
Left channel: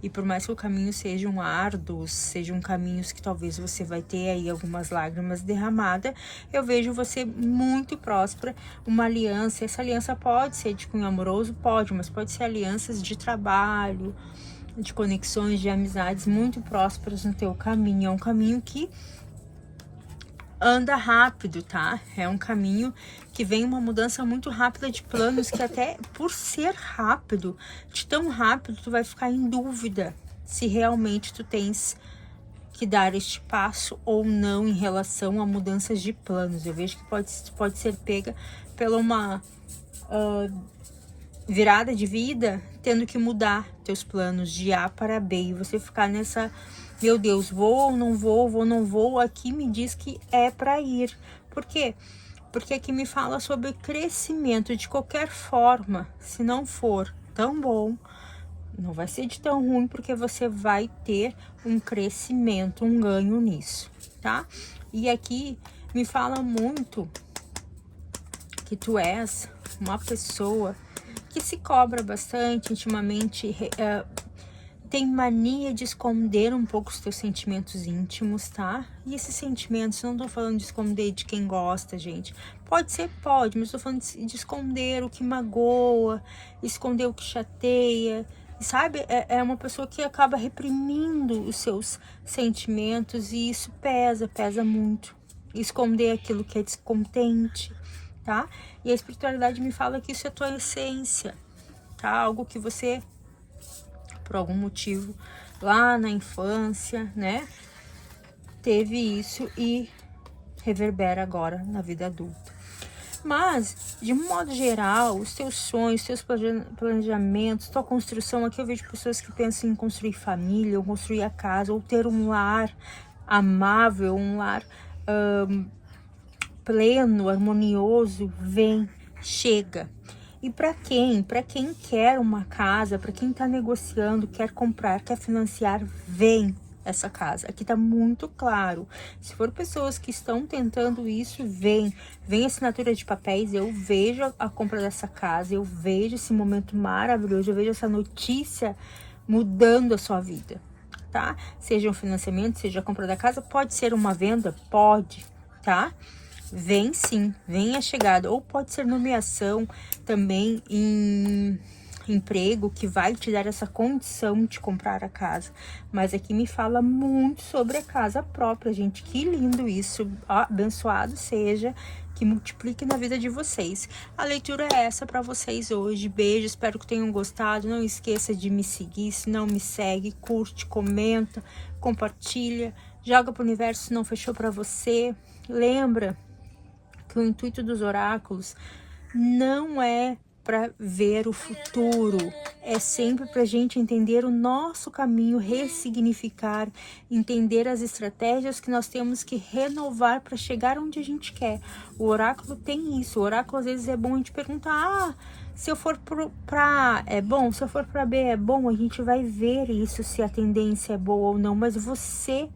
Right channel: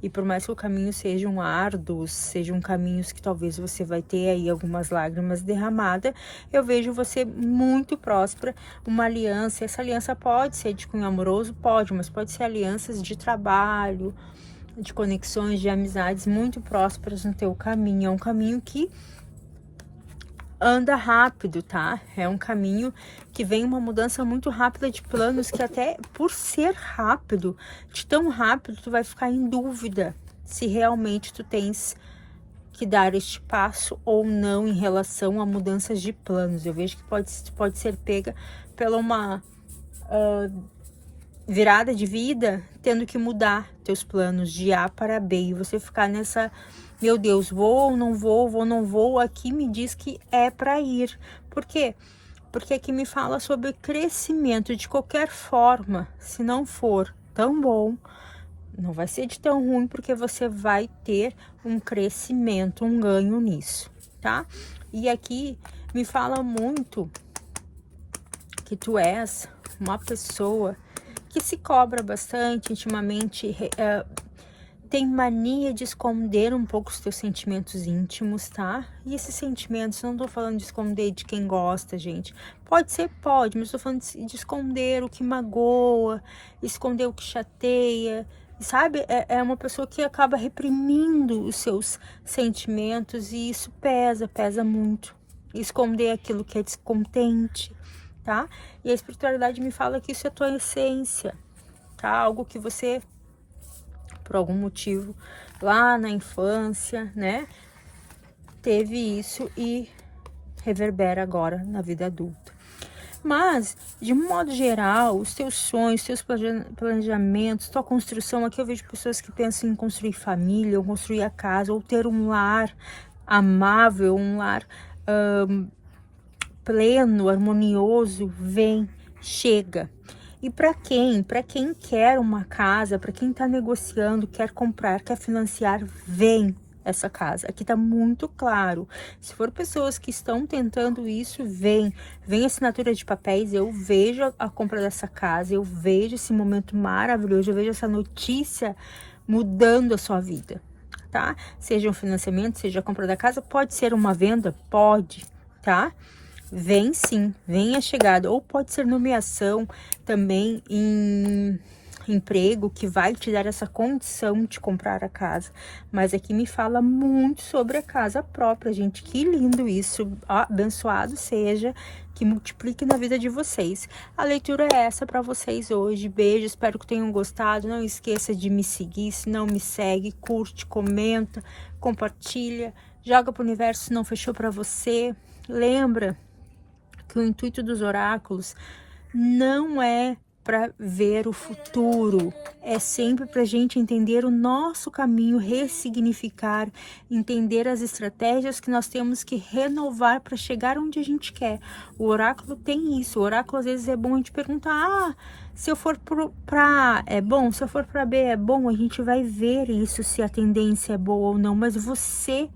E por mais que o caminho sejam árduos, sejam caminhos que talvez você vai ter aí algumas lágrimas derramadas, eu vejo você muito próspera, uma aliança. Essa aliança pode ser de cunho amoroso, pode, mas pode ser alianças de trabalho, de conexões, de amizades muito prósperas no teu caminho. É um caminho que anda rápido, tá? É um caminho que vem uma mudança muito rápida de planos, que até por ser rápido, de tão rápido, tu vai ficar em dúvida se realmente tu tens que dar este passo ou não em relação a mudanças de planos. Eu vejo que pode ser pega pela uma virada de vida, tendo que mudar teus planos de A para B, e você ficar nessa, meu Deus, vou ou não vou, vou ou não vou. Aqui me diz que é para ir. Por quê? Porque aqui me fala sobre crescimento. De qualquer forma, se não for tão bom, não vai ser de tão ruim, porque você vai ter um crescimento, um ganho nisso, tá? E aqui me fala muito que tu és uma pessoa que se cobra bastante, intimamente, tem mania de esconder um pouco os teus sentimentos íntimos, tá? E esses sentimentos, não tô falando de esconder de quem gosta, gente. Pode ser, pode, mas tô falando de esconder o que magoa, esconder o que chateia, sabe? É uma pessoa que acaba reprimindo os seus sentimentos, e isso pesa muito. Esconder aquilo que é descontente, tá? E a espiritualidade me fala que isso é tua essência, tá? Algo que você, por algum motivo, lá na infância, né, teve isso e reverbera agora na vida adulta. Mas, de um modo geral, os teus sonhos, teus planejamentos, tua construção, aqui eu vejo pessoas que pensam em construir família, ou construir a casa, ou ter um lar amável, um lar pleno, harmonioso, vem, chega. E para quem? Para quem quer uma casa, para quem está negociando, quer comprar, quer financiar, vem essa casa. Aqui tá muito claro. Se for pessoas que estão tentando isso, vem a assinatura de papéis, eu vejo a compra dessa casa, eu vejo esse momento maravilhoso, eu vejo essa notícia mudando a sua vida, tá? Seja um financiamento, seja a compra da casa, pode ser uma venda, pode, tá? Vem sim, vem a chegada, ou pode ser nomeação também em emprego que vai te dar essa condição de comprar a casa, mas aqui me fala muito sobre a casa própria, gente. Que lindo isso, abençoado seja, que multiplique na vida de vocês. A leitura é essa para vocês hoje. Beijo, espero que tenham gostado. Não esqueça de me seguir, se não me segue, curte, comenta, compartilha, joga pro universo se não fechou para você. Lembra que o intuito dos oráculos não é para ver o futuro, é sempre para a gente entender o nosso caminho, ressignificar, entender as estratégias que nós temos que renovar para chegar onde a gente quer. O oráculo tem isso. O oráculo às vezes é bom a gente perguntar: se eu for para A é bom, se eu for para B é bom. A gente vai ver isso, se a tendência é boa ou não, mas você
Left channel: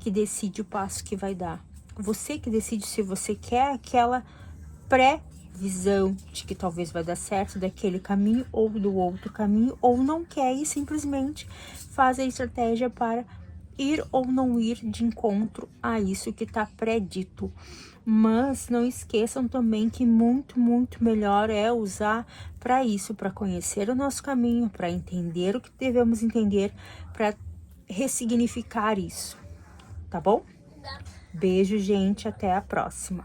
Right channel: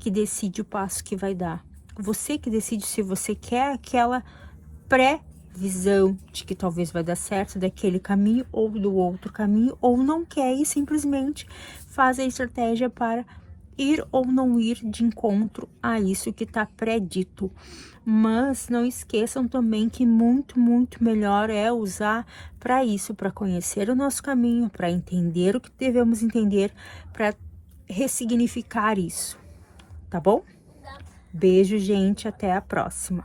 que decide o passo que vai dar. Você que decide se você quer aquela visão de que talvez vai dar certo daquele caminho ou do outro caminho, ou não quer e simplesmente faz a estratégia para ir ou não ir de encontro a isso que está predito. Mas não esqueçam também que muito melhor é usar para isso, para conhecer o nosso caminho, para entender o que devemos entender, para ressignificar isso, tá bom? Beijo, gente, até a próxima.